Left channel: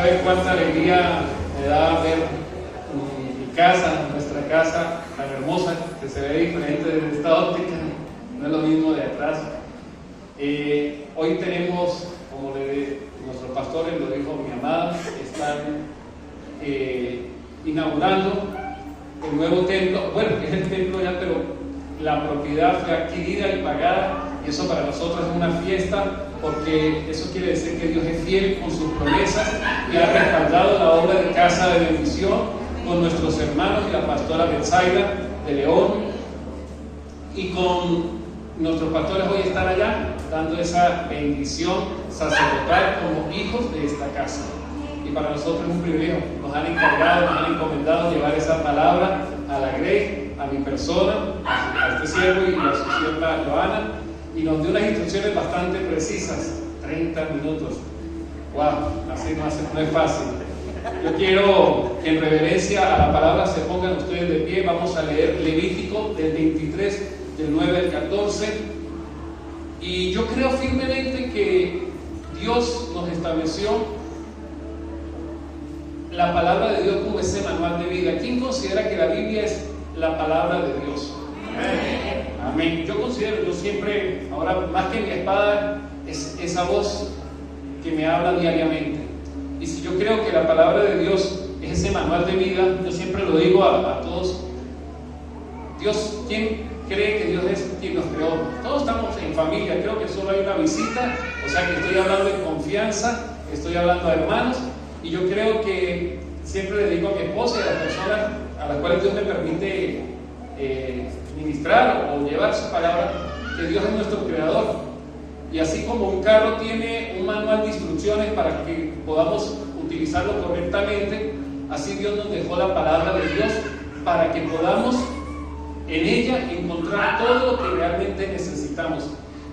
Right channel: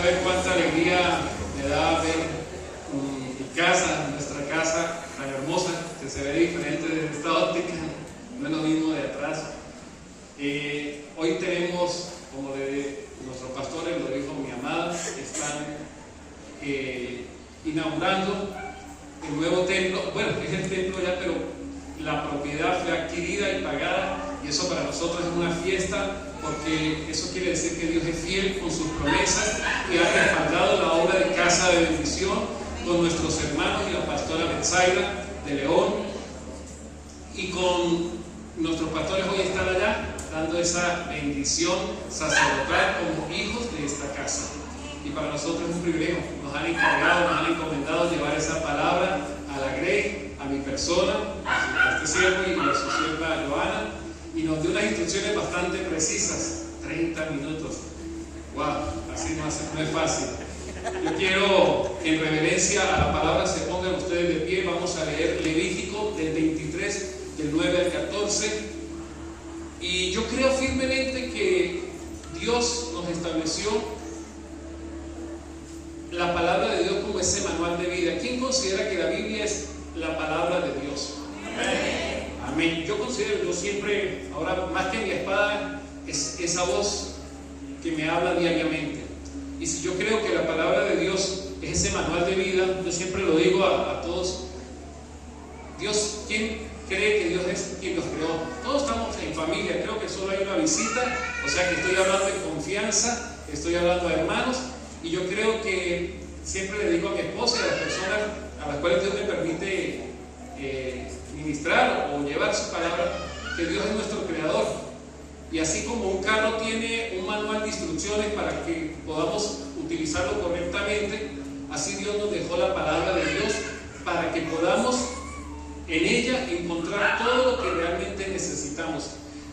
¿Saben cuánta alegría me da ver mi casa, nuestra casa tan hermosa, que se ve diferente desde esta óptica? No es lo mismo de atrás. Hoy tenemos, como nuestros pastores lo dijo mi amada, están inaugurando el nuevo templo. Bueno, es el templo ya, pero la propiedad fue adquirida y pagada, y eso para nosotros es una fiesta, porque eso quiere decir que Dios es fiel con sus promesas y ha respaldado la obra de Casa de Bendición con nuestros hermanos y la pastora Betsaida de León, y con nuestros pastores hoy están allá dando esa bendición sacerdotal como hijos de esta casa. Y para nosotros es un privilegio. Nos han encargado, nos han encomendado llevar esa palabra a la Grey, a mi persona, a este siervo y a su señora Joana, y nos dio unas instrucciones bastante precisas. 30 minutos. ¡Wow! Así no es fácil. Yo quiero, en reverencia a la palabra, se pongan ustedes de pie. Vamos a leer Levítico del 23, del 9 al 14. Y yo creo firmemente que Dios nos estableció la palabra de Dios como ese manual de vida. ¿Quién considera que la Biblia es la palabra de Dios? Amén. Yo siempre, ahora más que mi espada, es esa voz que me habla diariamente. Y si yo creo que la palabra de Dios es ese manual de vida, yo siempre lo digo a todos. Dios, ¿quién cree que Dios es quien nos creó? Todos estamos en familia, creo que solo hay una visita, o sea que estoy hablando de confianza, estoy hablando a hermanos, y yo creo que siempre le digo a mi esposa y a las personas a las cuales Dios me permite ministrar o llevar su palabra, que Dios es nuestro creador. Y así como un carro tiene un manual de instrucciones para que podamos utilizarlo correctamente, así Dios nos dejó la palabra de Dios para que podamos en ella encontrar todo lo que realmente necesitamos.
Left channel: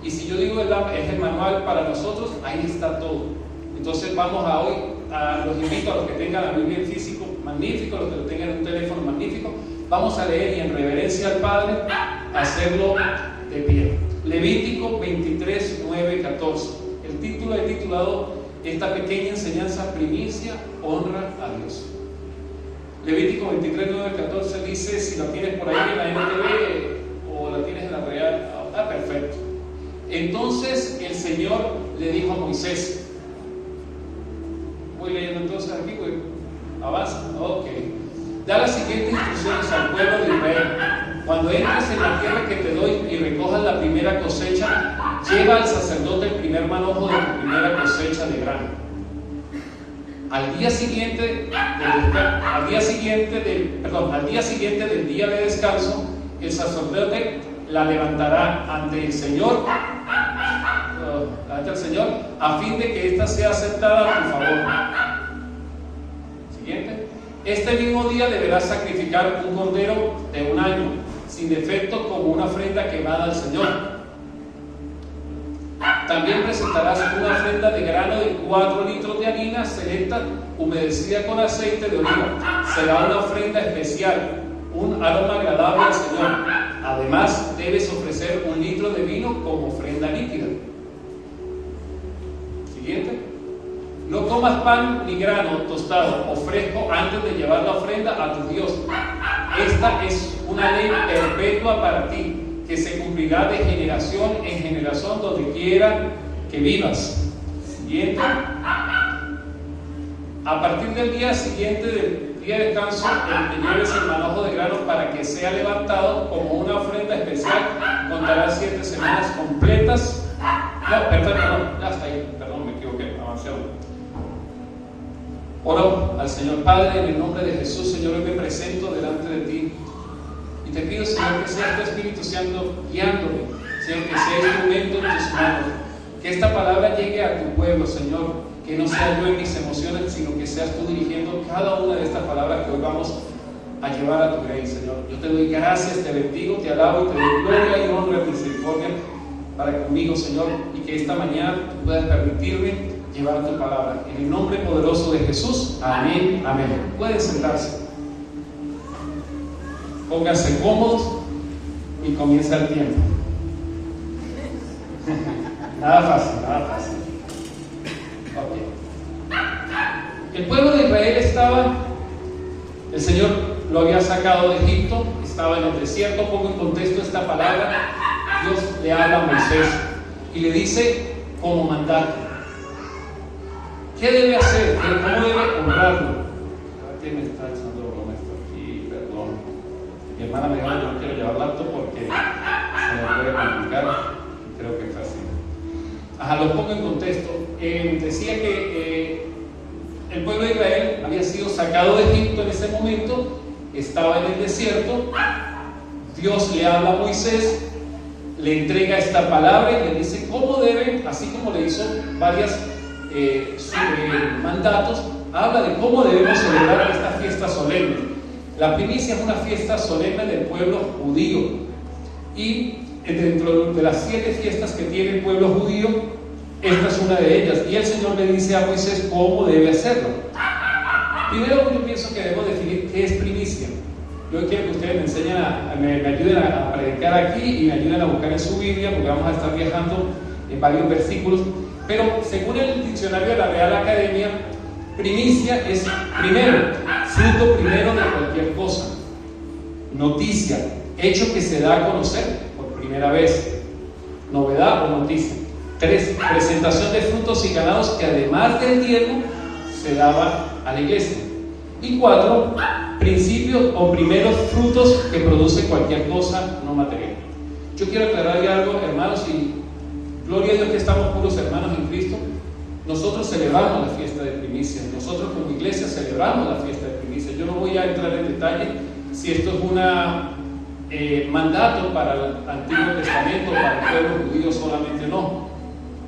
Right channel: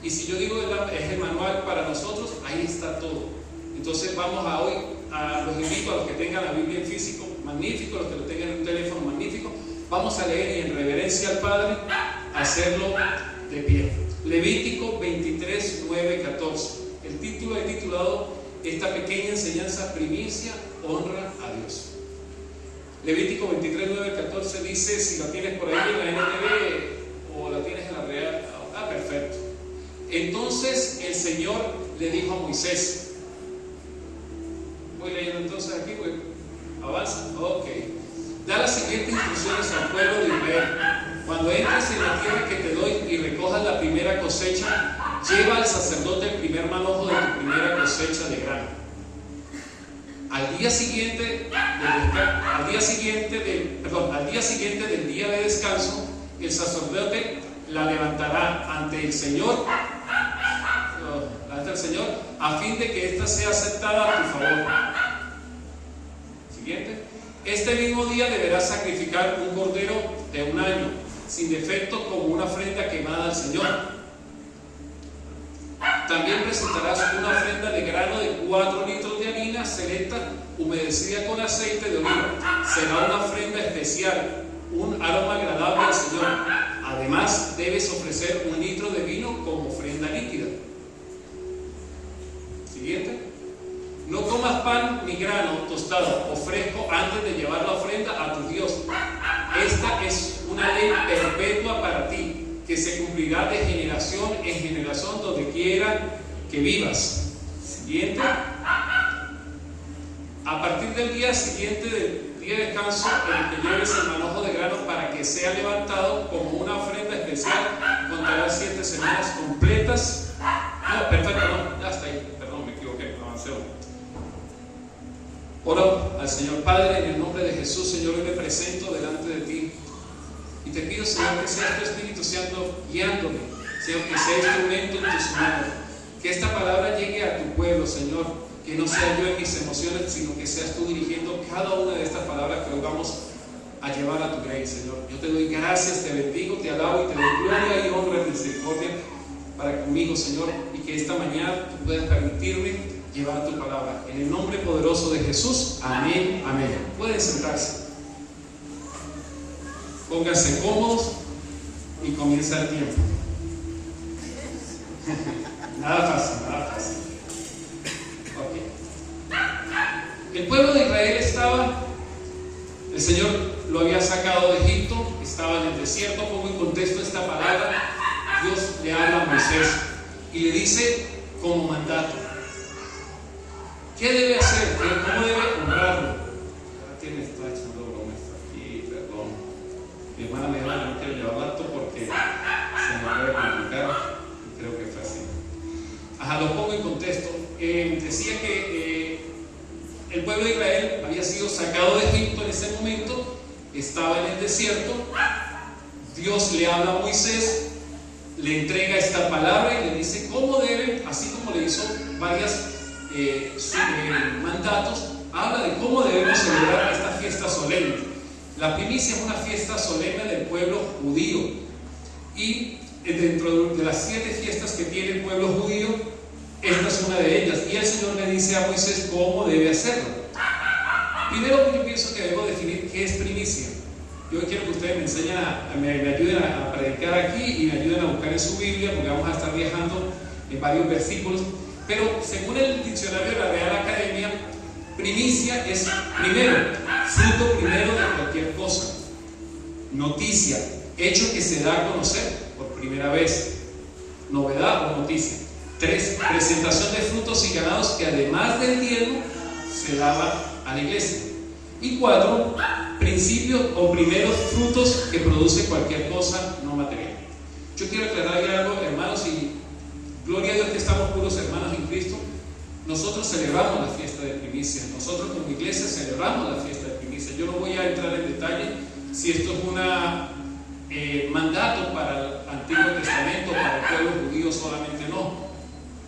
Y si yo digo es el manual para nosotros, ahí está todo. Entonces vamos a hoy, los invito a los que tengan la Biblia en físico, magnífico, a los que lo tengan en un teléfono, magnífico. Vamos a leer y en reverencia al Padre, hacerlo de pie. Levítico 23, 9, 14. El título es titulado esta pequeña enseñanza: primicia, honra a Dios. Levítico 23, 9, 14 dice, si la tienes por ahí en la NTV o la tienes en la Real, perfecto. Entonces el Señor le dijo a Moisés, voy leyendo entonces aquí, avanza, ok. Da las siguientes instrucciones al pueblo de Israel: cuando entres en la tierra que te doy y recojas la primera cosecha, lleva al sacerdote el primer manojo de tu primera cosecha de grano. Al día siguiente del día de descanso, el sacerdote la levantará ante el Señor, a fin de que ésta sea aceptada a tu favor. Siguiente. Este mismo día deberás sacrificar un cordero de un año, sin defecto, como una ofrenda quemada al Señor. También presentarás una ofrenda de grano de 4 litros de harina selecta, humedecida con aceite de oliva. Será una ofrenda especial, un aroma agradable al Señor. Además, debes ofrecer 1 litro de vino como ofrenda líquida. Siguiente. No comas pan ni grano tostado o fresco antes de llevar la ofrenda a tu Dios. Esta es una ley perpetua para ti, que se cumplirá de generación en generación donde quiera que vivas. Siguiente. A partir del día siguiente del día de descanso, te lleves el manojo de grano para que sea levantado como una ofrenda especial. Contarás 7 semanas completas. No, perfecto, no, ya está ahí. Perdón, me equivoqué, avancemos. Oro al Señor. Padre, en el nombre de Jesús, Señor, hoy me presento delante de ti. Y te pido, Señor, que sea tu Espíritu Santo guiándome, Señor, que sea instrumento en tus manos, que esta palabra llegue a tu pueblo, Señor, que no sea yo en mis emociones, sino que seas tú dirigiendo cada una de estas palabras que hoy vamos a llevar a tu Grey, Señor. Yo te doy gracias, te bendigo, te alabo y te doy gloria y honra y misericordia para conmigo, Señor, y que esta mañana tú puedas permitirme llevar tu palabra. En el nombre poderoso de Jesús, amén, amén. Pueden sentarse. Pónganse cómodos y comienza el tiempo. Nada fácil, nada fácil. Ok. El pueblo de Israel el Señor lo había sacado de Egipto, estaba en el desierto. Pongo en contexto esta palabra. Dios le habla a Moisés y le dice cómo mandato. ¿Qué debe hacer? ¿Cómo debe honrarlo? ¿Quién me está echando broma aquí? Perdón. Mi hermana me dijo que no quiero llevar laptop porque se me puede complicar. Creo que está así. Lo pongo en contexto. Decía que el pueblo de Israel había sido sacado de Egipto en ese momento, estaba en el desierto. Dios le habla a Moisés, le entrega esta palabra y le dice cómo deben, así como le hizo varios mandatos, habla de cómo debemos celebrar esta fiesta solemne. La primicia es una fiesta solemne del pueblo judío, y dentro de las 7 fiestas que tiene el pueblo judío, esta es una de ellas, y el Señor le dice a Moisés cómo debe hacerlo. Primero, yo pienso que debemos definir qué es primicia. Yo quiero que ustedes me enseñen me ayuden a predicar aquí y me ayuden a buscar en su Biblia, porque vamos a estar viajando en varios versículos. Pero según el diccionario de la Real Academia, primicia es primero, fruto primero de cualquier cosa. Noticia, hecho que se da a conocer por primera vez. Novedad o noticia. 3, presentación de frutos y ganados que además del diezmo se daban a la iglesia. Y 4, principios o primeros frutos que produce cualquier cosa no material. Yo quiero aclararle algo, hermanos, y gloria a Dios que estamos puros hermanos en Cristo. Nosotros celebramos la fiesta de primicia. Nosotros como iglesia celebramos la fiesta de primicia. Yo no voy a entrar en detalle si esto es un mandato para el Antiguo Testamento, para el pueblo judío solamente o no.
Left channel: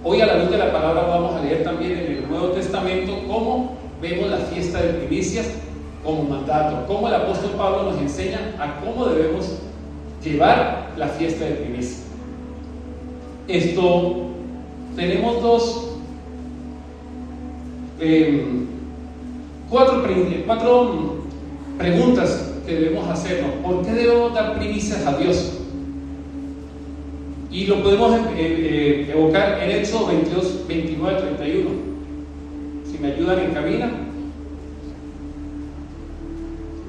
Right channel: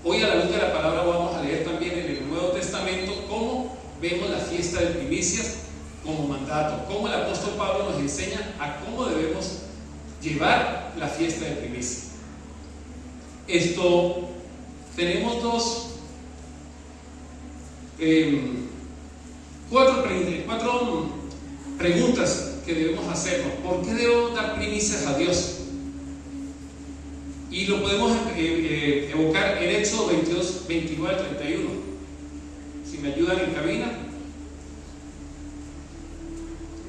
Hoy, a la luz de la palabra, vamos a leer también en el Nuevo Testamento cómo vemos la fiesta de primicias como mandato, cómo el apóstol Pablo nos enseña a cómo debemos llevar la fiesta de primicias. Tenemos cuatro preguntas que debemos hacernos. ¿Por qué debemos dar primicias a Dios? Y lo podemos evocar en Éxodo 22, 29 al 31. Si me ayudan en cabina.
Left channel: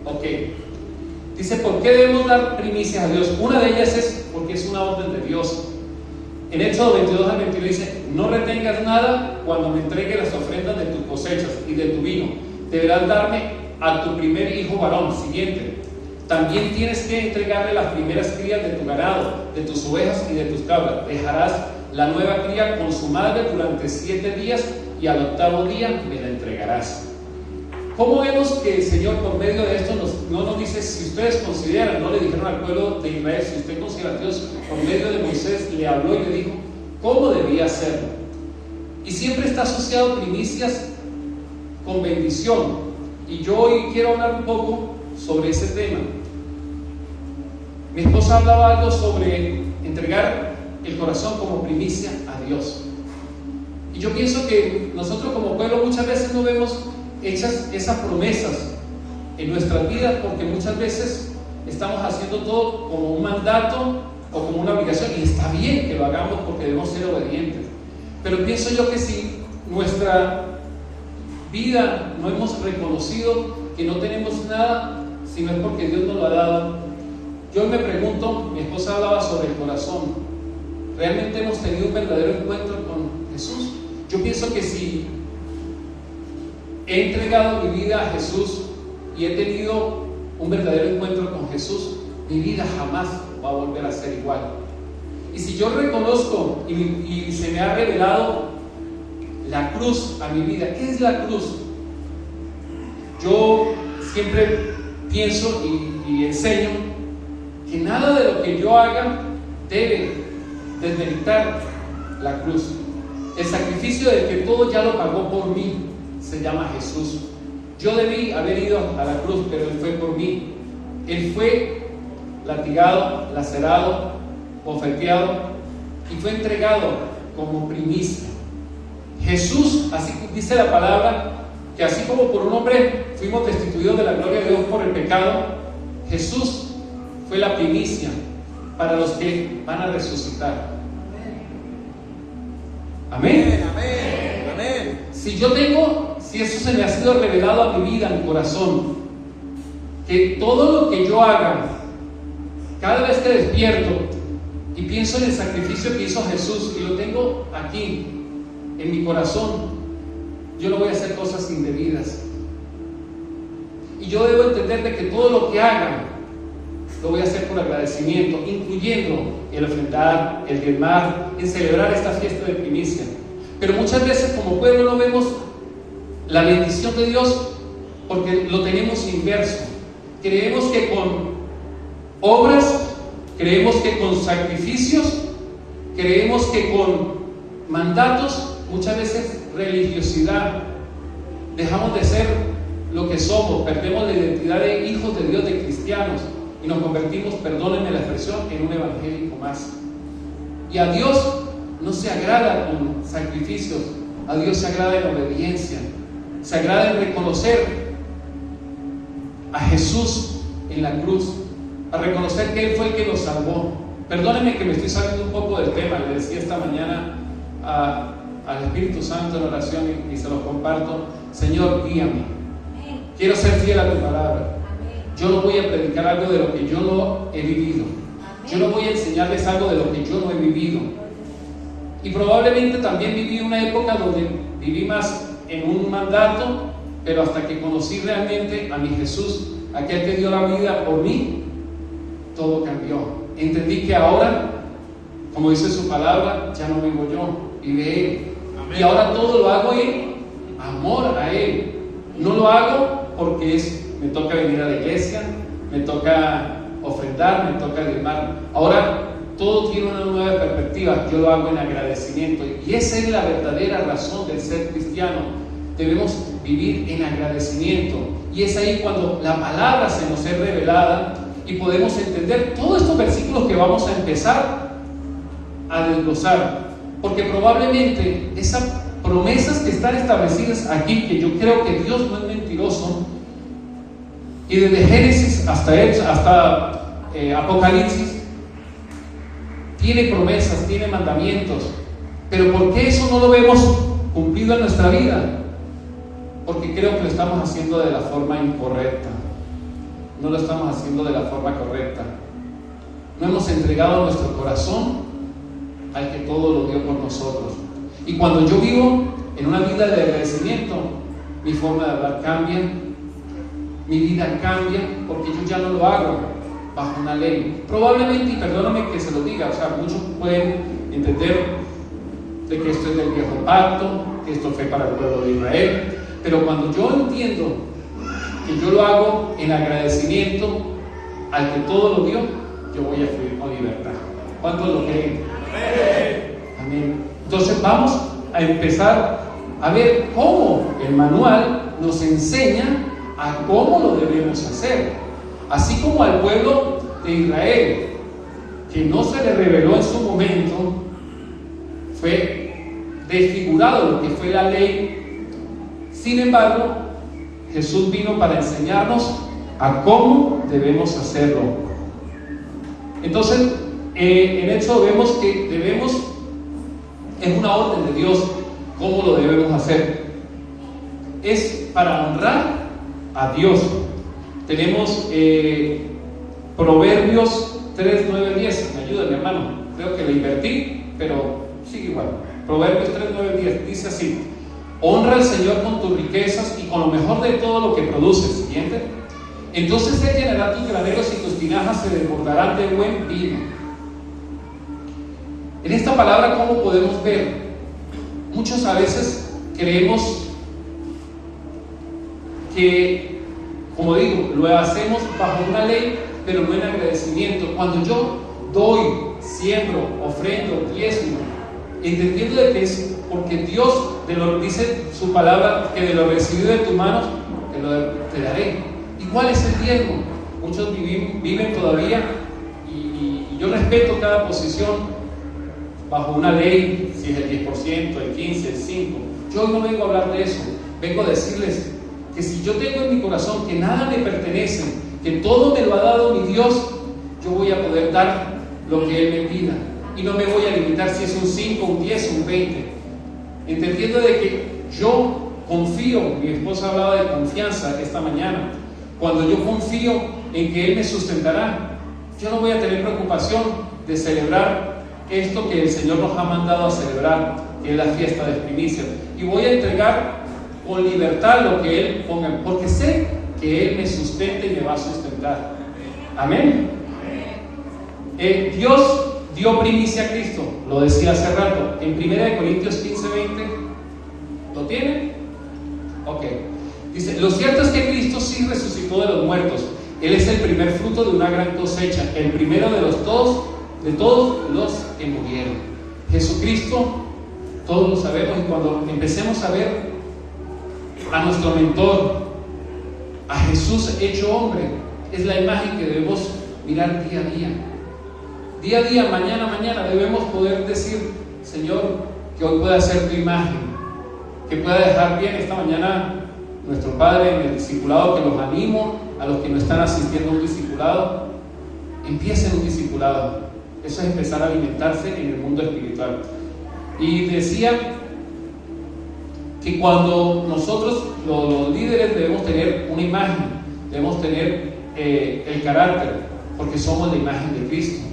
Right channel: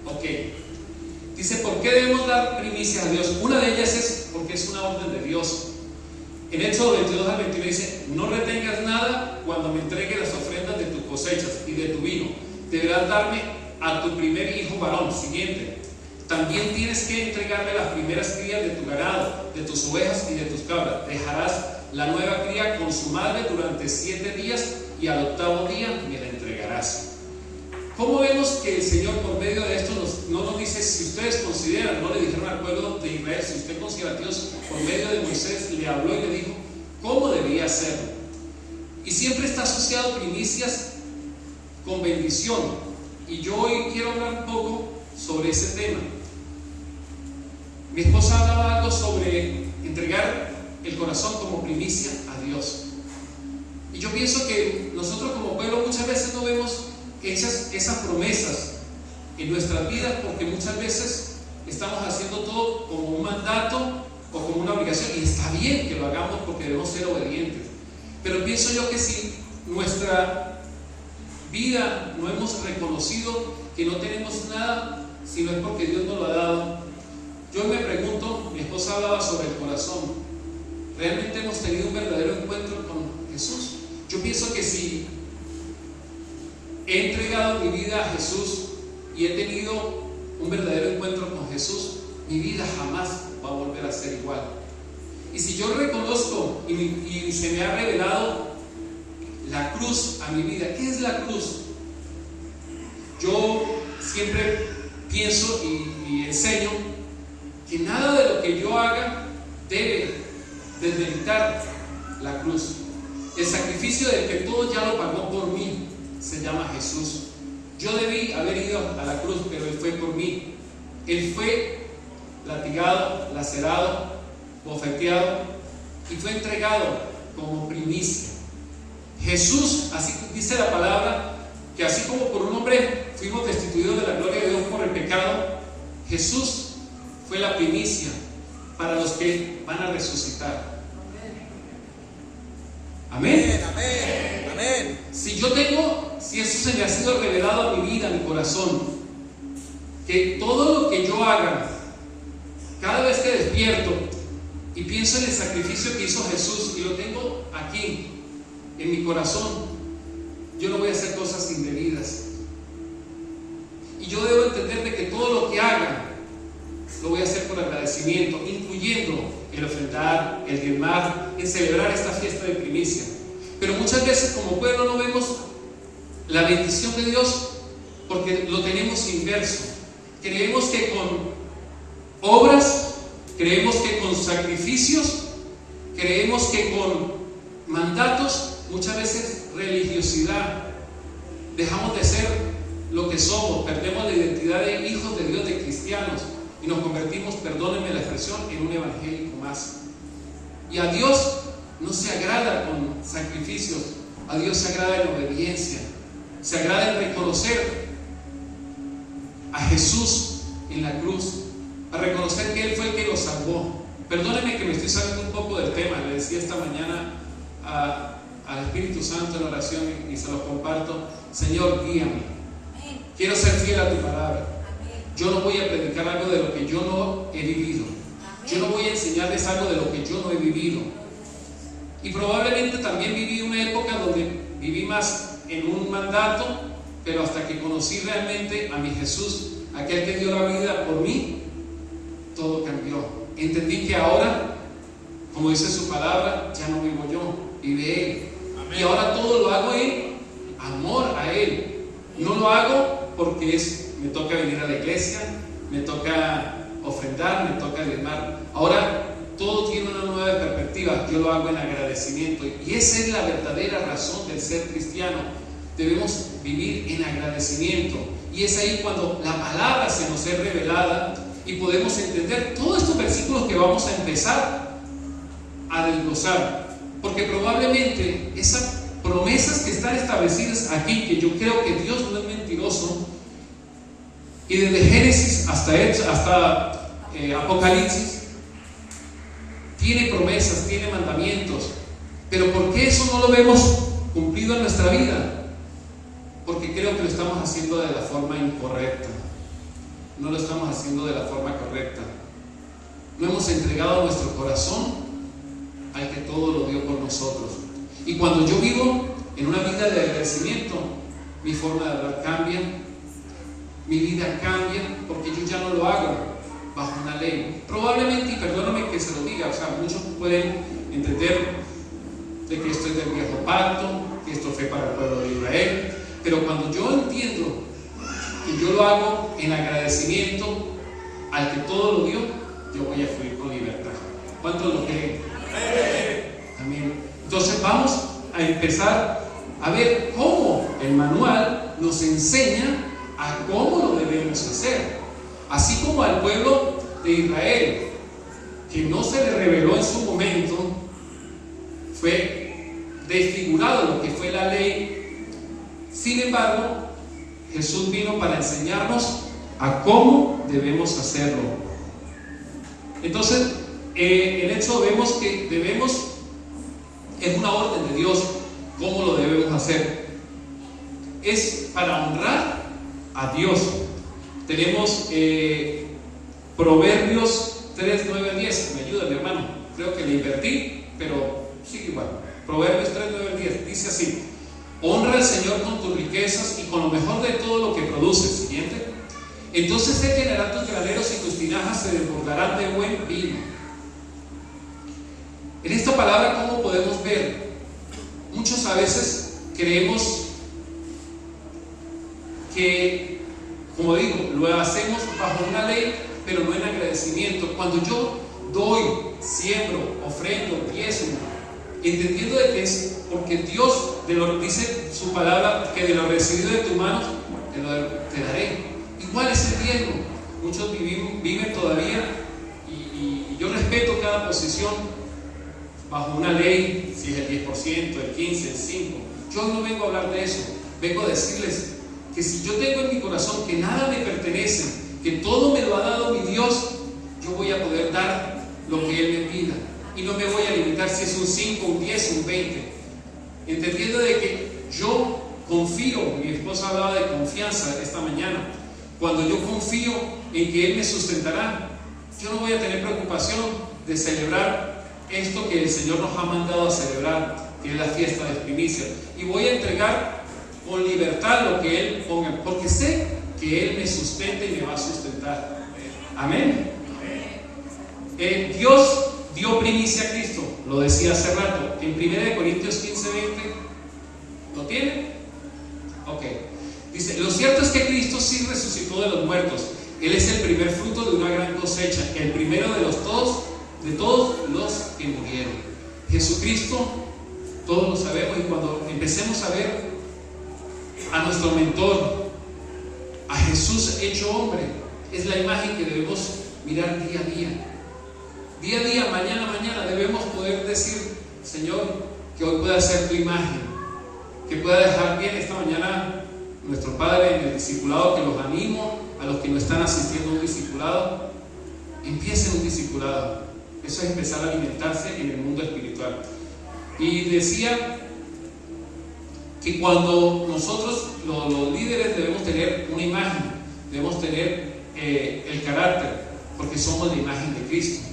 Ok. Dice, ¿por qué debemos dar primicias a Dios? Una de ellas es porque es una orden de Dios. En Éxodo 22 al 21 dice, no retengas nada cuando me entregue las ofrendas de tus cosechas y de tu vino. Deberás darme a tu primer hijo varón. Siguiente. También tienes que entregarle las primeras crías de tu ganado, de tus ovejas y de tus cabras. Dejarás la nueva cría con su madre durante 7 días y al 8º día me la entregarás. ¿Cómo vemos que el Señor, por medio de esto, no nos dice, si ustedes consideran, no le dijeron al pueblo de Israel, si usted considera a Dios, por medio de Moisés le habló y le dijo cómo debía hacerlo? Y siempre está asociado primicias con bendición. Y yo hoy quiero hablar un poco sobre ese tema. Mi esposa hablaba algo sobre entregar el corazón como primicia a Dios. Y yo pienso que nosotros como pueblo muchas veces no vemos hechas esas promesas en nuestras vidas, porque muchas veces estamos haciendo todo como un mandato o como una obligación, y está bien que lo hagamos porque debemos ser obedientes. Pero pienso yo que si nuestra vida no hemos reconocido que no tenemos nada, si no es porque Dios nos lo ha dado. Yo me pregunto, mi esposa hablaba sobre el corazón. ¿Realmente hemos tenido un verdadero encuentro con Jesús? Yo pienso que si he entregado mi vida a Jesús y he tenido un verdadero encuentro con Jesús, mi vida jamás va a volver a ser igual. Y si yo reconozco y se me ha revelado la cruz a mi vida, ¿qué es la cruz? Yo siempre pienso y enseño que nada de lo que yo haga debe desmeritar la cruz. El sacrificio del que todo ya lo pagó por mí se llama Jesús. Yo debí haber ido a la cruz, pero Él fue por mí. Él fue latigado, lacerado, bofeteado y fue entregado como primicia. Jesús, así dice la palabra, que así como por un hombre fuimos destituidos de la gloria de Dios por el pecado, Jesús fue la primicia para los que van a resucitar. Amén. Amén. Amén. Si yo tengo si eso se me ha sido revelado a mi vida, a mi corazón, que todo lo que yo haga, cada vez que despierto y pienso en el sacrificio que hizo Jesús y lo tengo aquí en mi corazón, yo no voy a hacer cosas indebidas. Y yo debo entender de que todo lo que haga lo voy a hacer por agradecimiento, incluyendo el ofrendar, el diezmar, el celebrar esta fiesta de primicia. Pero muchas veces como pueblo no vemos la bendición de Dios porque lo tenemos inverso. Creemos que con obras, creemos que con sacrificios, creemos que con mandatos, muchas veces religiosidad, dejamos de ser lo que somos, perdemos la identidad de hijos de Dios, de cristianos, y nos convertimos, perdónenme la expresión, en un evangélico más. Y a Dios no se agrada con sacrificios, a Dios se agrada en obediencia, se agrada en reconocer a Jesús en la cruz, a reconocer que Él fue el que nos salvó. Perdónenme que me estoy saliendo un poco del tema, le decía esta mañana al Espíritu Santo en oración y se lo comparto. Señor, guíame, quiero ser fiel a tu palabra. Yo no voy a predicar algo de lo que yo no he vivido, yo no voy a enseñarles algo de lo que yo no he vivido. Y probablemente también viví una época donde viví más en un mandato, pero hasta que conocí realmente a mi Jesús, aquel que dio la vida por mí, todo cambió. Entendí que ahora, como dice su palabra, ya no vivo yo, vive Él. Amén. Y ahora todo lo hago en amor a Él. No lo hago porque me toca venir a la iglesia, me toca ofrendar, me toca diezmar. Ahora todo tiene una nueva perspectiva. Yo lo hago en agradecimiento. Y esa es la verdadera razón del ser cristiano. Debemos vivir en agradecimiento. Y es ahí cuando la palabra se nos es revelada y podemos entender todos estos versículos que vamos a empezar a desglosar. Porque probablemente esas promesas que están establecidas aquí, que yo creo que Dios no es mentiroso, y desde Génesis hasta Apocalipsis, tiene promesas, tiene mandamientos. Pero ¿por qué eso no lo vemos cumplido en nuestra vida? Porque creo que lo estamos haciendo de la forma incorrecta. No lo estamos haciendo de la forma correcta. No hemos entregado nuestro corazón al que todo lo dio por nosotros. Y cuando yo vivo en una vida de agradecimiento, mi forma de hablar cambia, mi vida cambia, porque yo ya no lo hago bajo una ley. Probablemente, y perdóname que se lo diga, o sea, muchos pueden entender de que esto es del viejo pacto, que esto fue para el pueblo de Israel, pero cuando yo entiendo que yo lo hago en agradecimiento al que todo lo dio, yo voy a fluir con libertad. ¿Cuántos lo creen? Amén. Entonces vamos a empezar a ver cómo el manual nos enseña a cómo lo debemos hacer. Así como al pueblo de Israel, que no se le reveló en su momento, fue desfigurado lo que fue la ley. Sin embargo, Jesús vino para enseñarnos a cómo debemos hacerlo. Entonces, en Éxodo vemos que es una orden de Dios cómo lo debemos hacer. Es para honrar a Dios. Tenemos Proverbios 3, 9, 10. Me ayuda mi hermano, creo que le invertí, pero sigue igual. Proverbios 3, 9, 10 dice así: honra al Señor con tus riquezas y con lo mejor de todo lo que produces. Siguiente. Entonces se llenarán tus graneros y tus tinajas se desbordarán de buen vino. En esta palabra, ¿cómo podemos ver? Muchos a veces creemos que, como digo, lo hacemos bajo una ley, pero no en agradecimiento. Cuando yo doy, siembro, ofrendo, diezmo, entendiendo de que es porque Dios dice su palabra, que de lo recibido de tus manos te daré. ¿Y cuál es el diezmo? Muchos viven todavía, y yo respeto cada posición bajo una ley, si es el 10%, el 15%, el 5%. Yo no vengo a hablar de eso, vengo a decirles que si yo tengo en mi corazón que nada me pertenece, que todo me lo ha dado mi Dios, yo voy a poder dar lo que Él me pida, y no me voy a limitar si es un 5, un 10, un 20, entendiendo de que yo confío, mi esposa hablaba de confianza esta mañana, cuando yo confío en que Él me sustentará, yo no voy a tener preocupación de celebrar esto que el Señor nos ha mandado a celebrar, que es la fiesta de primicias, y voy a entregar con libertad lo que Él ponga, porque sé que Él me sustenta y me va a sustentar. Amén. Dios dio primicia a Cristo, lo decía hace rato, en 1 Corintios 15:20. ¿Lo tiene? Ok. Dice, lo cierto es que Cristo sí resucitó de los muertos. Él es el primer fruto de una gran cosecha, el primero de todos los que murieron. Jesucristo, todos lo sabemos, y cuando empecemos a ver a nuestro mentor, a Jesús hecho hombre, es la imagen que debemos mirar día a día. Día a día, mañana a mañana, debemos poder decir, Señor, que hoy pueda ser tu imagen, que pueda dejar bien esta mañana nuestro Padre en el discipulado, que los animo a los que no están asistiendo a un discipulado, empiecen un discipulado. Eso es empezar a alimentarse en el mundo espiritual. Y decía que cuando nosotros, los líderes, debemos tener una imagen, debemos tener el carácter, porque somos la imagen de Cristo.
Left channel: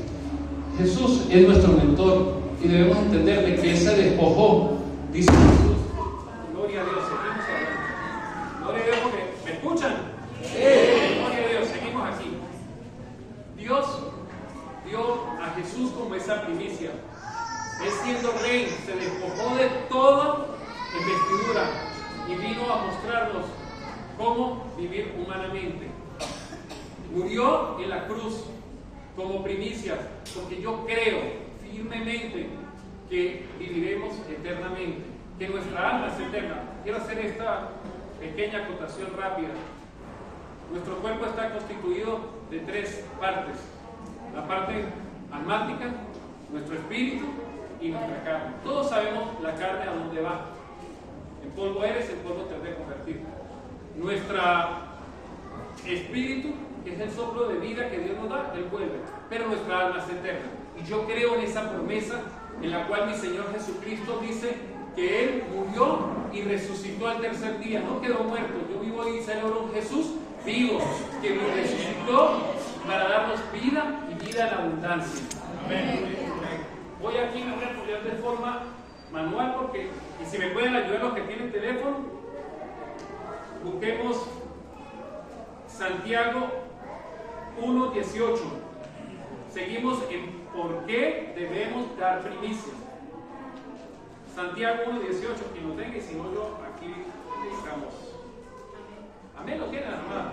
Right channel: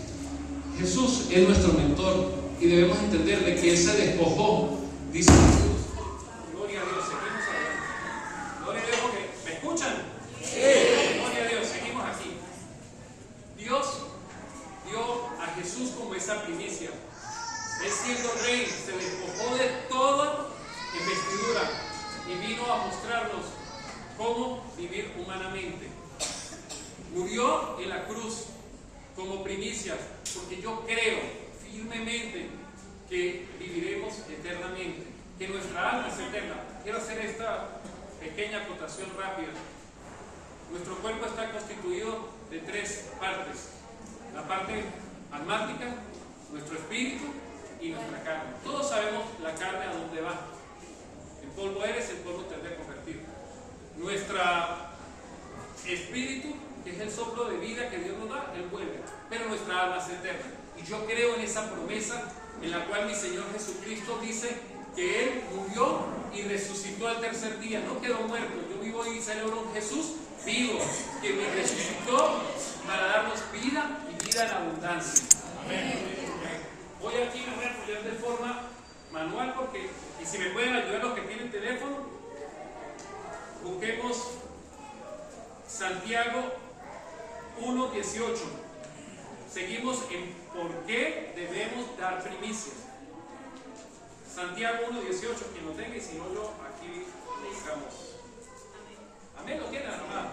Jesús es nuestro mentor y debemos entenderle que Él se despojó, dice Jesús. Gloria a Dios, seguimos adelante. Gloria a Dios, porque ¿me escuchan? Sí. Gloria a Dios, seguimos aquí. Dios dio a Jesús como esa primicia. Él siendo rey se despojó de toda investidura y vino a mostrarnos cómo vivir humanamente. Murió en la cruz como primicias, porque yo creo firmemente que viviremos eternamente, que nuestra alma es eterna. Quiero hacer esta pequeña acotación rápida. Nuestro cuerpo está constituido de 3 partes: la parte almática, nuestro espíritu y nuestra carne. Todos sabemos la carne a dónde va. En polvo eres, en polvo te has de convertir. Nuestro espíritu, que es el soplo de vida que Dios nos da, Él vuelve, pero nuestra alma es eterna. Y yo creo en esa promesa en la cual mi Señor Jesucristo dice que Él murió y resucitó al tercer día, no quedó muerto. Yo vivo y celebro un Jesús vivo, que me resucitó para darnos vida y vida en abundancia. Amén. Voy aquí, me voy a apoyar de forma manual, porque, y si me pueden ayudar los que tienen teléfono, busquemos Santiago 1:18. Seguimos en por qué debemos dar primicias. Santiago 1:18, quien lo tenga, y si no, yo aquí buscamos. Amén, lo tienen, hermano.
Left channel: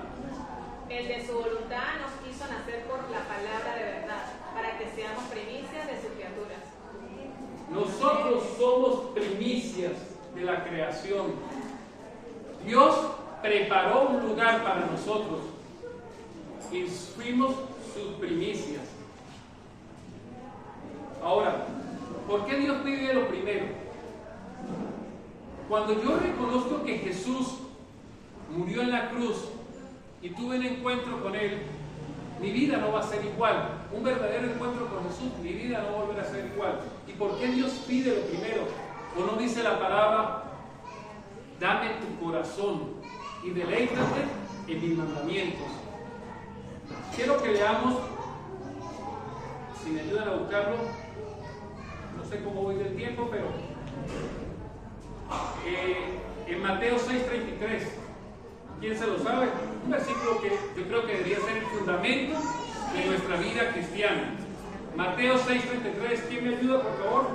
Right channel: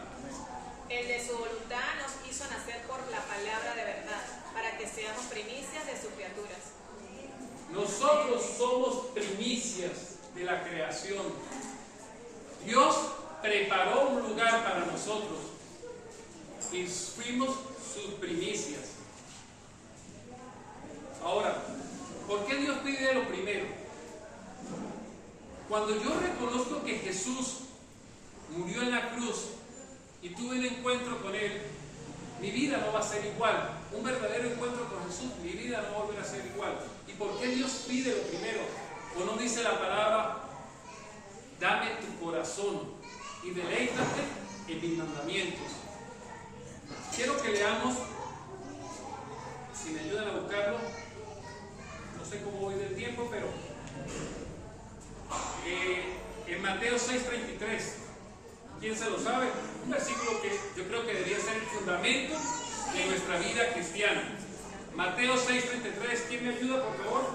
El de su voluntad nos hizo nacer por la palabra de verdad, para que seamos primicias de sus criaturas. Nosotros somos primicias de la creación. Dios preparó un lugar para nosotros y fuimos sus primicias. Ahora, ¿por qué Dios pide lo primero? Cuando yo reconozco que Jesús murió en la cruz y tuve un encuentro con Él, mi vida no va a ser igual. Un verdadero encuentro con Jesús, mi vida no va a volver a ser igual. ¿Y por qué Dios pide lo primero? ¿O no dice la palabra, dame tu corazón y deleítate en mis mandamientos? Quiero que leamos, si me ayudan a buscarlo, no sé cómo voy del tiempo, pero en Mateo 6:33, ¿quién se lo sabe? Un versículo que yo creo que debería ser el fundamento de nuestra vida cristiana. Mateo 6:33, ¿quién me ayuda, por favor?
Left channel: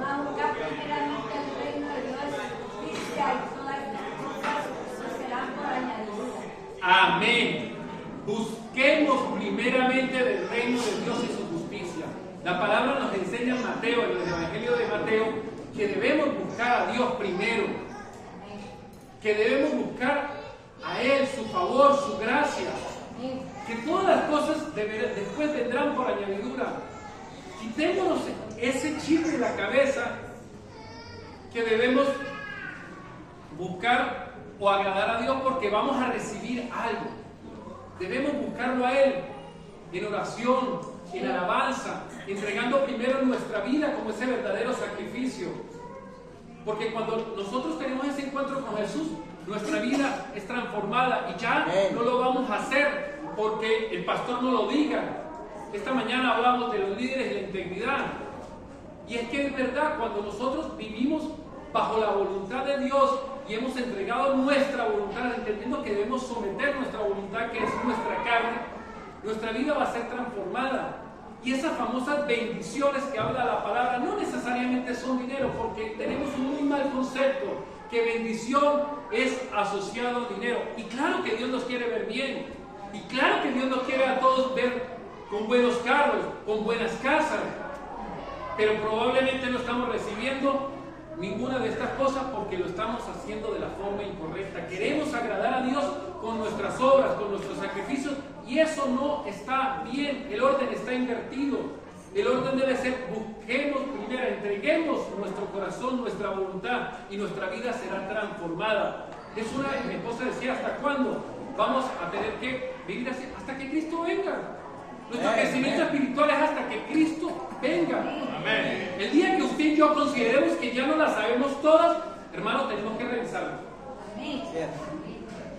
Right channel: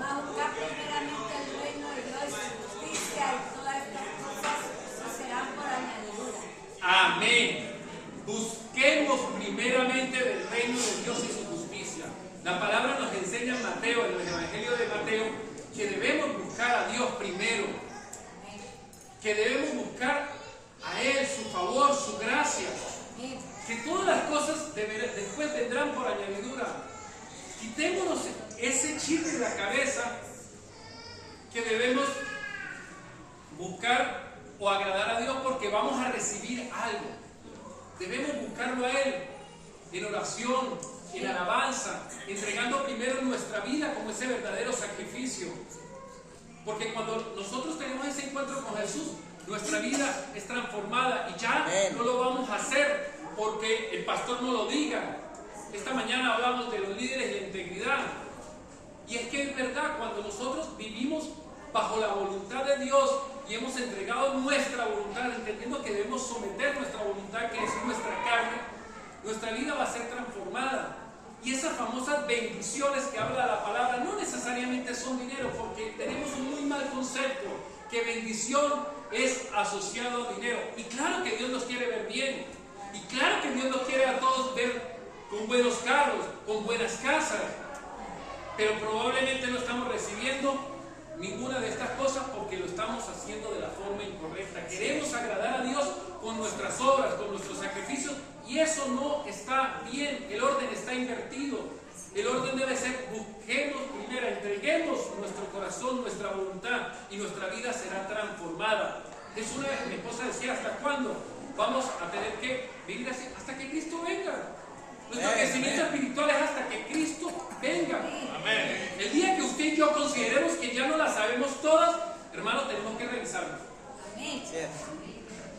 Amén. Busquemos primeramente del reino de Dios y su justicia. La palabra nos enseña en Mateo, en el Evangelio de Mateo, que debemos buscar a Dios primero, que debemos buscar a Él, su favor, su gracia, que todas las cosas después vendrán por añadidura. Quitémonos ese chip de la cabeza que debemos buscar o agradar a Dios porque vamos a recibir algo. Debemos buscarlo a Él en oración, en alabanza, entregando primero nuestra vida como ese verdadero sacrificio. Porque cuando nosotros tenemos ese encuentro con Jesús, Nuestra vida es transformada y ya no lo vamos a hacer porque el pastor no lo diga. Esta mañana hablamos de los líderes y la integridad. Y es que es verdad, cuando nosotros vivimos bajo la voluntad de Dios y hemos entregado nuestra voluntad, entendiendo que debemos someter nuestra voluntad, que es nuestra carne, nuestra vida va a ser transformada. Y esas famosas bendiciones que habla la palabra no necesariamente son dinero, porque tenemos un muy mal concepto, que bendición es asociado a dinero. Y claro que Dios nos quiere ver bien, y claro que Dios nos quiere a todos ver con buenos carros, con buenas casas, pero probablemente no estamos recibiendo ninguna de estas cosas porque lo estamos haciendo de la forma incorrecta. Queremos agradar a Dios con nuestras obras, con nuestros sacrificios, y eso no está bien. El orden está invertido. El orden debe ser: busquemos primero, entreguemos nuestro corazón, nuestra voluntad, y nuestra vida será transformada. Es una vez mi esposa decía: ¿hasta cuándo vamos a tener que vivir así? Hasta que Cristo venga. Nuestro crecimiento espiritual es hasta que Cristo venga. Amén. El día que usted y yo consideremos que ya no la sabemos todas, hermanos, tenemos que revisarlo.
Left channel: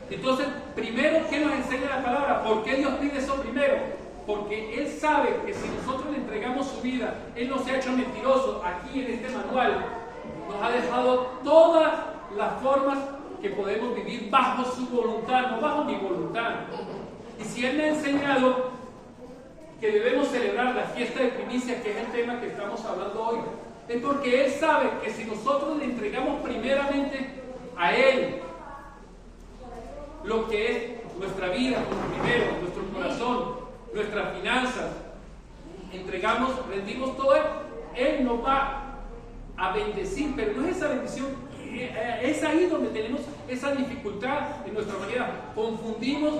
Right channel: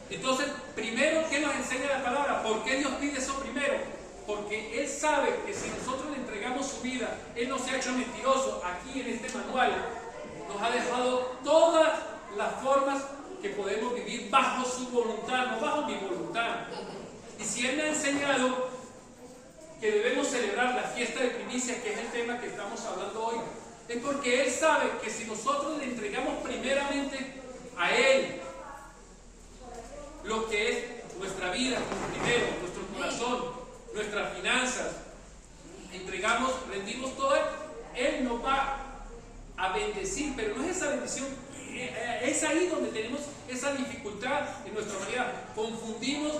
Entonces, primero, ¿qué nos enseña la palabra? ¿Por qué Dios pide eso primero? Porque Él sabe que si nosotros le entregamos su vida, Él no se ha hecho mentiroso. Aquí en este manual nos ha dejado todas las formas que podemos vivir bajo su voluntad, no bajo mi voluntad. Y si Él me ha enseñado que debemos celebrar la fiesta de primicia, que es el tema que estamos hablando hoy, es porque Él sabe que si nosotros le entregamos primeramente a Él lo que es nuestra vida, primero, nuestro corazón, nuestras finanzas, rendimos todo Él, Él nos va a bendecir. Pero no es esa bendición, es ahí donde tenemos esa dificultad en nuestra manera. Confundimos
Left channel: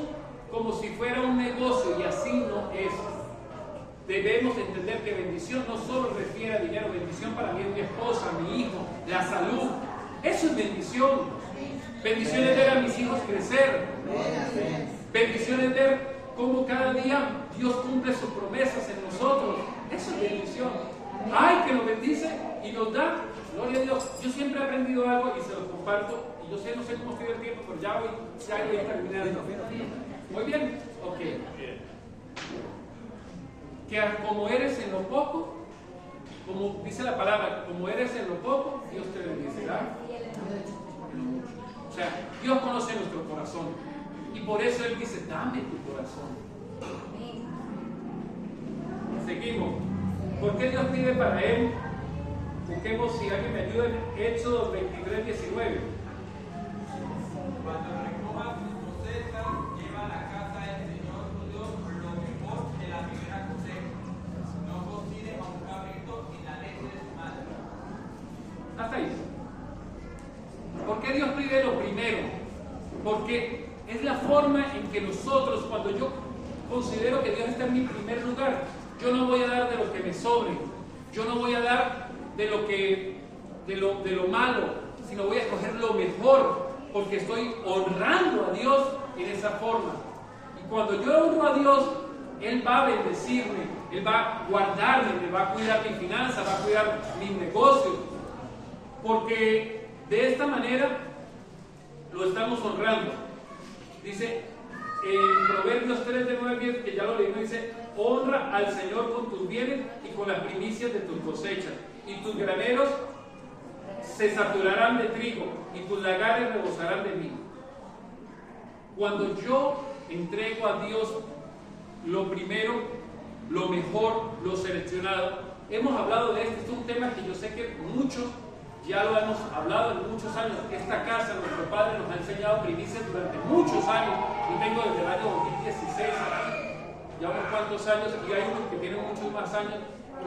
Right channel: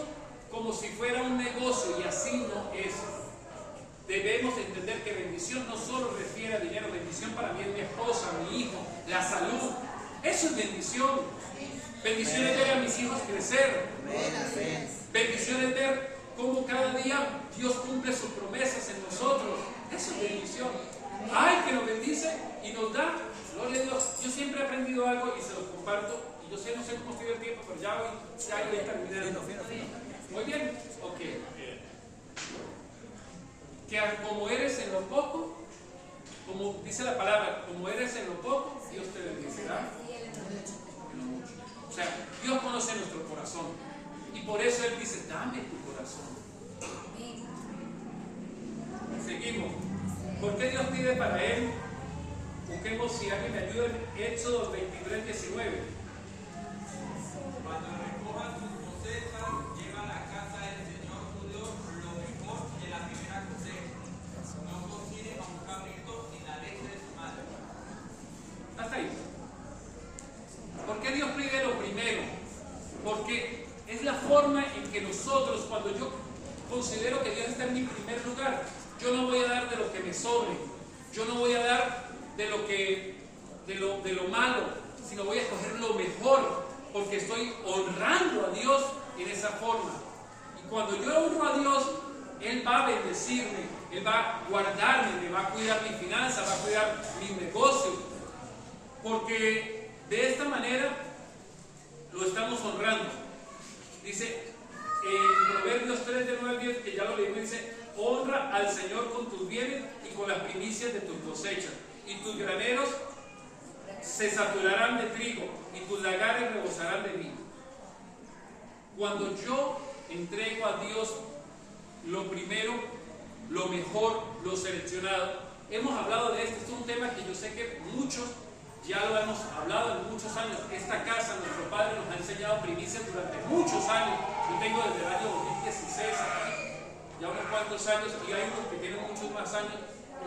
como si fuera un negocio, y así no es. Debemos entender que bendición no solo refiere a dinero. Bendición para mí es mi esposa, mi hijo, la salud. Eso es bendición. Bendición es ver a mis hijos crecer. Bendición es ver cómo cada día Dios cumple sus promesas en nosotros. Eso es bendición. Ay, que nos bendice y nos da. Gloria a Dios. Yo siempre he aprendido algo y se lo comparto. Y yo no sé cómo estoy el tiempo, pero ya voy terminando. ¿Muy bien? Ok. Que como eres en lo poco, como dice la palabra, como eres en lo poco, Dios te bendecirá en lo mucho. O sea, Dios conoce nuestro corazón, y por eso Él dice: dame tu corazón. Seguimos. ¿Por qué Dios pide para Él? Busquemos, si alguien me ayuda, en Éxodo 23, 19. Cuando recojas tus cosechas, lleva a la casa del Señor tu Dios lo mejor de la primera cosecha. No cocines a un cabrito en la leche de su madre. Hasta ahí. ¿Por qué Dios pide lo primero? Porque es la forma en que nosotros, cuando yo considero que Dios está en mi primer lugar, yo no voy a dar de lo que me sobre, yo no voy a dar de lo malo, sino voy a escoger lo mejor, porque estoy honrando a Dios en esa forma. Y cuando yo honro a Dios, Él va a bendecirme, Él va a guardarme, me va a cuidar mi finanza, va a cuidar mis negocios, porque de esta manera lo estamos honrando. Dice en Proverbios 3, de 9 al 10, que ya lo leímos, dice: honra al Señor con tus bienes y con las primicias de tus cosechas, y tus graneros se saturarán de trigo, y tus lagares rebosarán de vino. Cuando yo entrego a Dios lo primero, lo mejor, lo seleccionado, hemos hablado de esto. Esto es un tema que yo sé que muchos ya lo hemos hablado en muchos años. Esta casa, nuestro Padre nos ha enseñado primicias durante muchos años. Yo tengo desde el año 2016 aquí, ya unos cuantos años, y hay unos que tienen muchos más años.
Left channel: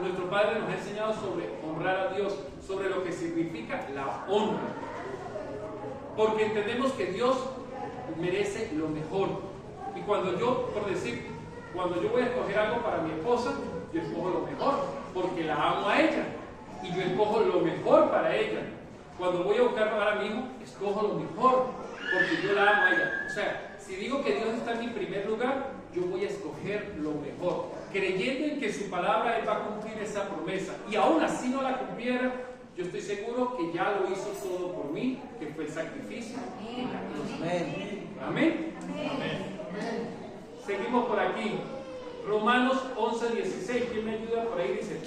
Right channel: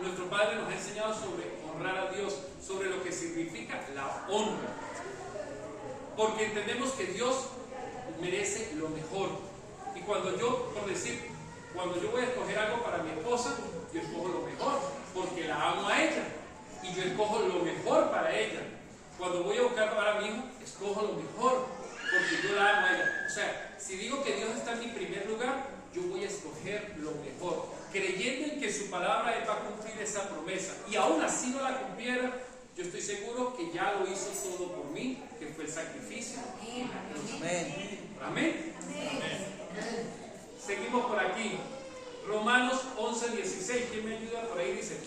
Nuestro Padre nos ha enseñado sobre honrar a Dios, sobre lo que significa la honra, porque entendemos que Dios merece lo mejor. Y cuando yo, por decir, cuando yo voy a escoger algo para mi esposa, yo escojo lo mejor, porque la amo a ella, y yo escojo lo mejor para ella. Cuando voy a buscar para mi hijo, escojo lo mejor, porque yo la amo a ella. O sea, si digo que Dios está en mi primer lugar, yo voy a escoger lo mejor, creyendo en que su palabra Él va a cumplir esa promesa. Y aún así no la cumpliera, Yo estoy seguro que ya lo hizo todo por mí, que fue el sacrificio en la cruz. Amén. Seguimos por aquí. Romanos 11:16. ¿Quién me ayuda por ahí? Dice:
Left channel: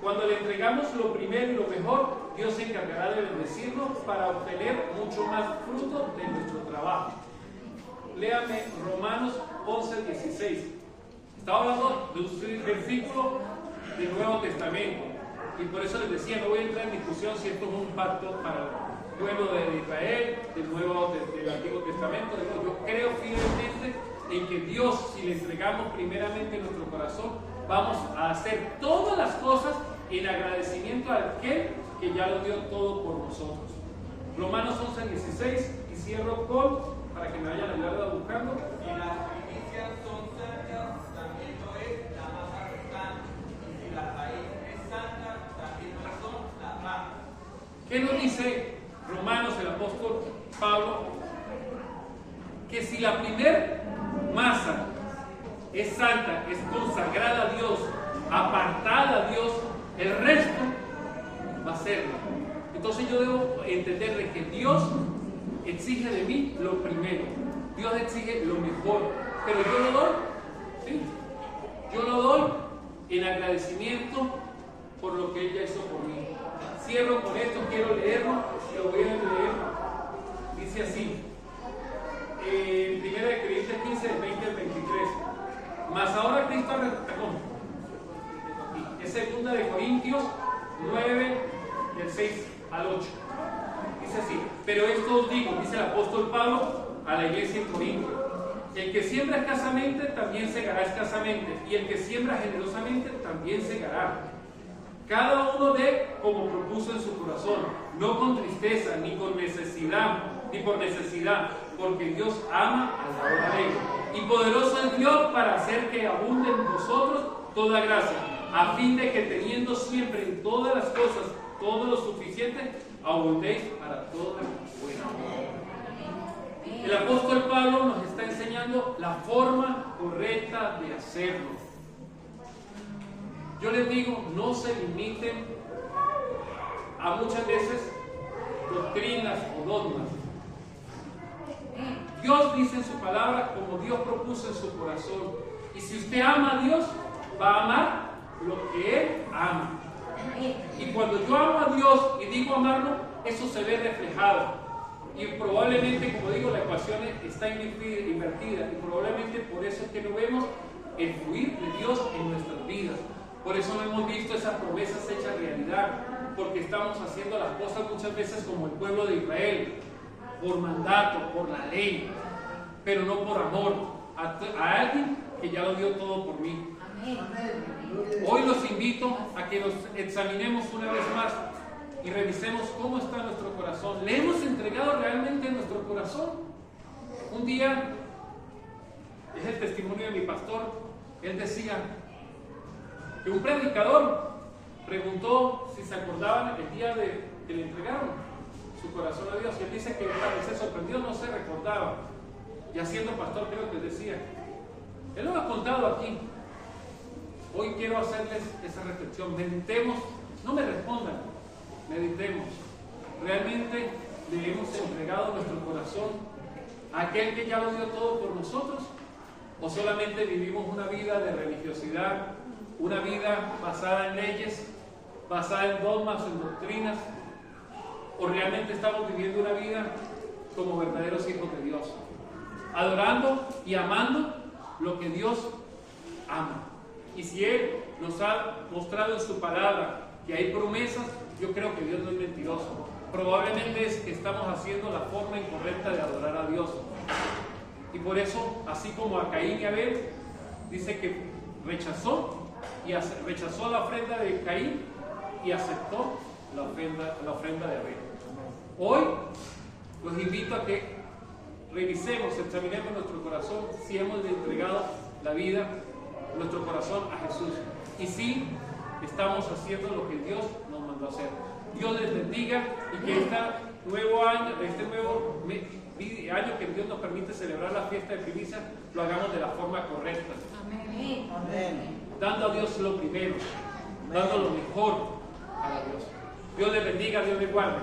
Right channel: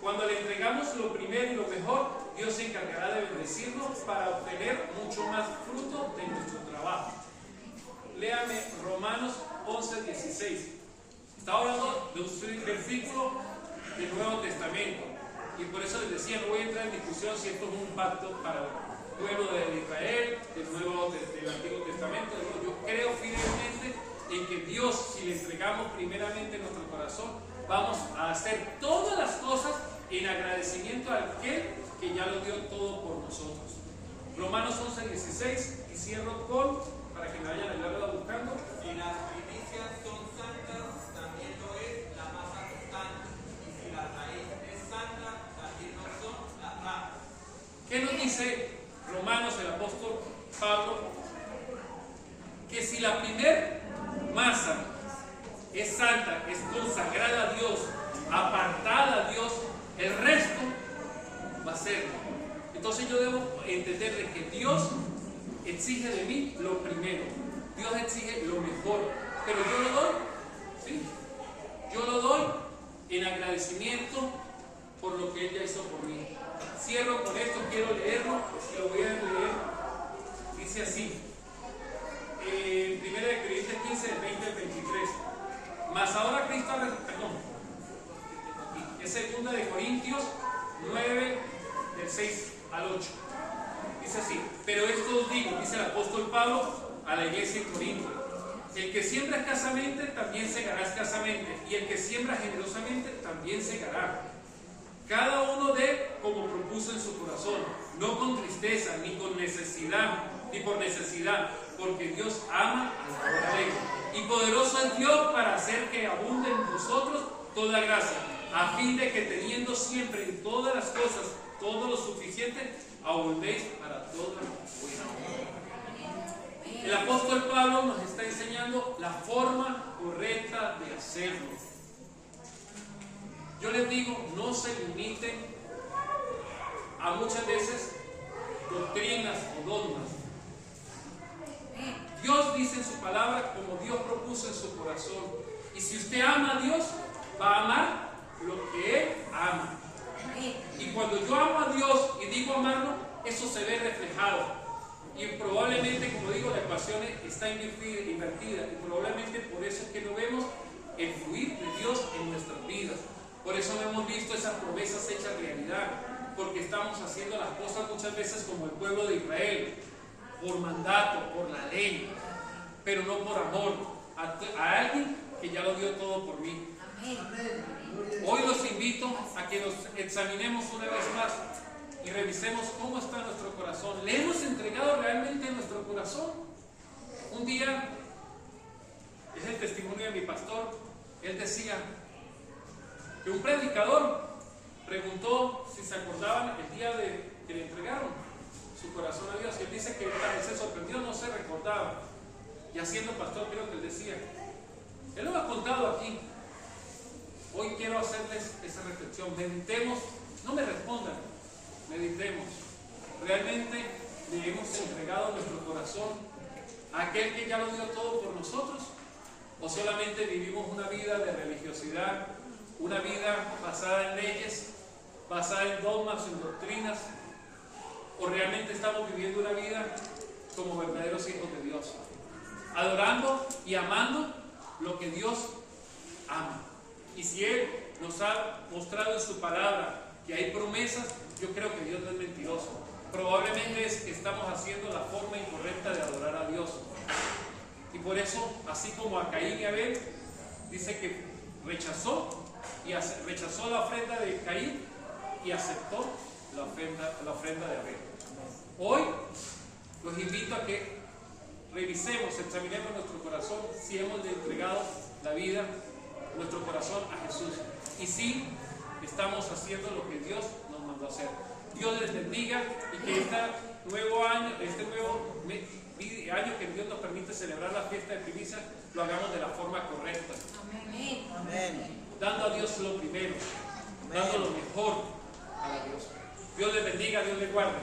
cuando le entregamos lo primero y lo mejor, Dios se encargará de bendecirnos para obtener mucho más fruto de nuestro trabajo. Léame Romanos 11:16. Está hablando de un versículo del Nuevo Testamento. Y por eso les decía, no voy a entrar en discusión si esto es un pacto para el pueblo de Israel, del Antiguo Testamento. Yo creo fielmente en que Dios, si le entregamos primeramente nuestro corazón, vamos a hacer todas las cosas en agradecimiento a aquel que ya lo dio todo por nosotros. Romanos 11:16, y cierro con, para que me vayan a ayudar buscando. Si las primicias son santas, también lo es la masa restante. Y si la raíz es santa, también lo son las ramas. ¿Qué nos dice Romanos, el apóstol Pablo? Que si la primer masa es santa, es consagrada a Dios, apartada a Dios, el resto va a serlo. Entonces yo debo entender de que Dios exige de mí lo primero, Dios exige lo mejor, pero yo lo doy, ¿sí? Yo lo doy en agradecimiento por lo que Él ya hizo por mí. Cierro con esto, quiero leerlo, y lo voy a leer. Dice así, 1 Corintios 15, del 20 al 23. Mas ahora Cristo, es 2 Corintios 9, del 6 al 8. Dice así: pero esto os digo, dice el apóstol Pablo a la iglesia en Corintio: el que siembra escasamente también segará escasamente, y el que siembra generosamente también segará. Cada uno dé como propuso en su corazón, no con tristeza, ni con necesidad, ni por necesidad, porque Dios ama al dador alegre. Y poderoso es Dios para hacer que abunde en vosotros toda gracia, a fin de que teniendo siempre en todas las cosas todo lo suficiente, abundéis para toda buena obra. El apóstol Pablo nos está enseñando la forma correcta de hacerlo. Yo les digo, no se limiten a muchas veces doctrinas o dogmas. Dios dice en su palabra como Dios propuso en su corazón. Y si usted ama a Dios, va a amar lo que Él ama. Y cuando yo amo a Dios y digo amarlo, eso se ve reflejado. Y probablemente, como digo, la ecuación está invertida. Y probablemente por eso es que no vemos el fluir de Dios en nuestras vidas. Por eso no hemos visto esas promesas hechas realidad. Porque estamos haciendo las cosas muchas veces como el pueblo de Israel, por mandato, por la ley, pero no por amor a alguien que ya lo dio todo por mí. Hoy los invito a que nos examinemos una vez más y revisemos cómo está nuestro corazón. ¿Le hemos entregado realmente nuestro corazón? Un día, es el testimonio de mi pastor, él decía que un predicador preguntó si se acordaban el día que le entregaron su corazón a Dios, y él dice que para él se sorprendió, no se recordaba. Ya siendo pastor, creo que él decía, él lo ha contado aquí. Hoy quiero hacerles esa reflexión. Meditemos, no me respondan, meditemos. ¿Realmente le hemos entregado nuestro corazón a aquel que ya lo dio todo por nosotros? ¿O solamente vivimos una vida de religiosidad, una vida basada en leyes, basada en dogmas, en doctrinas? ¿O realmente estamos viviendo una vida como verdaderos hijos de Dios, adorando y amando lo que Dios ama? Y si Él nos ha mostrado en su palabra que hay promesas, yo creo que Dios no es mentiroso. Probablemente es que estamos haciendo la forma incorrecta de adorar a Dios. Y por eso, así como a Caín y Abel, dice que rechazó la ofrenda de Caín y aceptó la ofrenda de Abel. Hoy los invito a que revisemos, examinemos nuestro corazón, si hemos entregado la vida, nuestro corazón a Jesús, y si estamos haciendo lo que Dios nos mandó a hacer. Dios les bendiga, y que este nuevo año que Dios nos permite celebrar la fiesta de primicias, lo hagamos de la forma correcta. Amén. Dando a Dios lo primero, dando lo mejor a Dios. Dios les bendiga, Dios les guarde.